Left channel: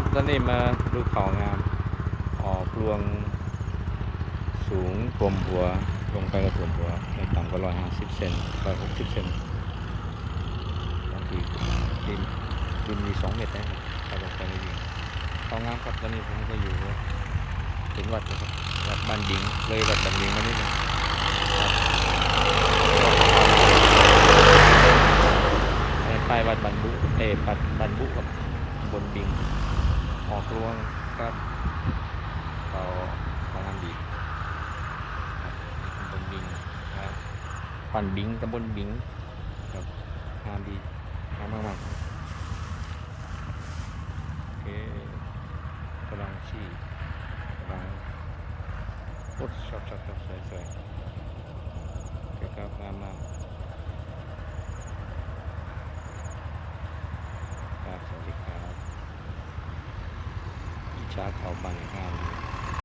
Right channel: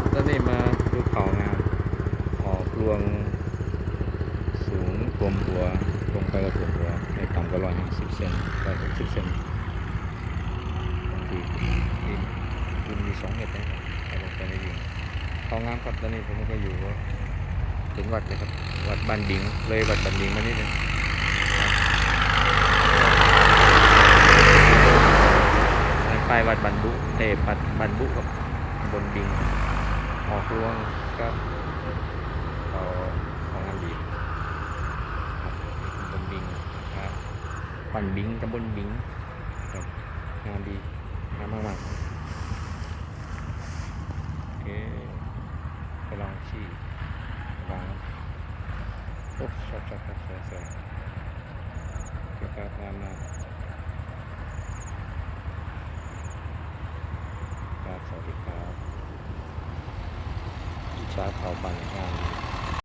ครับ ตอนนี้มาดูเขางาม ออกรวงสูงท่วมหัว ลงไปก็ท่วมหัวไม่ต่ำกว่าร้อยห้าสิบเซนร้อยหกสิบเซนบางทีดินดินมีสองเมตรได้ครับถ้าลงไปในวิ่งเขางามครับ ตอนนี้ผมก็อยู่เห็นวัดเลยครับ วัดบันบิง เลยวัดบันบิงมานิดนึงครับอันนั้นป้ายวัดบันบุเออวัดบันบุครับบนบิง ออกรวงครับเขาเขางามดีครับนี่ตำบลบิงครับปั่นบิงตำบลบิงครับงามดีงามมากๆโอเคกำลังชี้กำลังโอ้ชอบชอบชอบสวยสวยโอเคครับงามมากครับสวัสดีครับาเขาบางงาม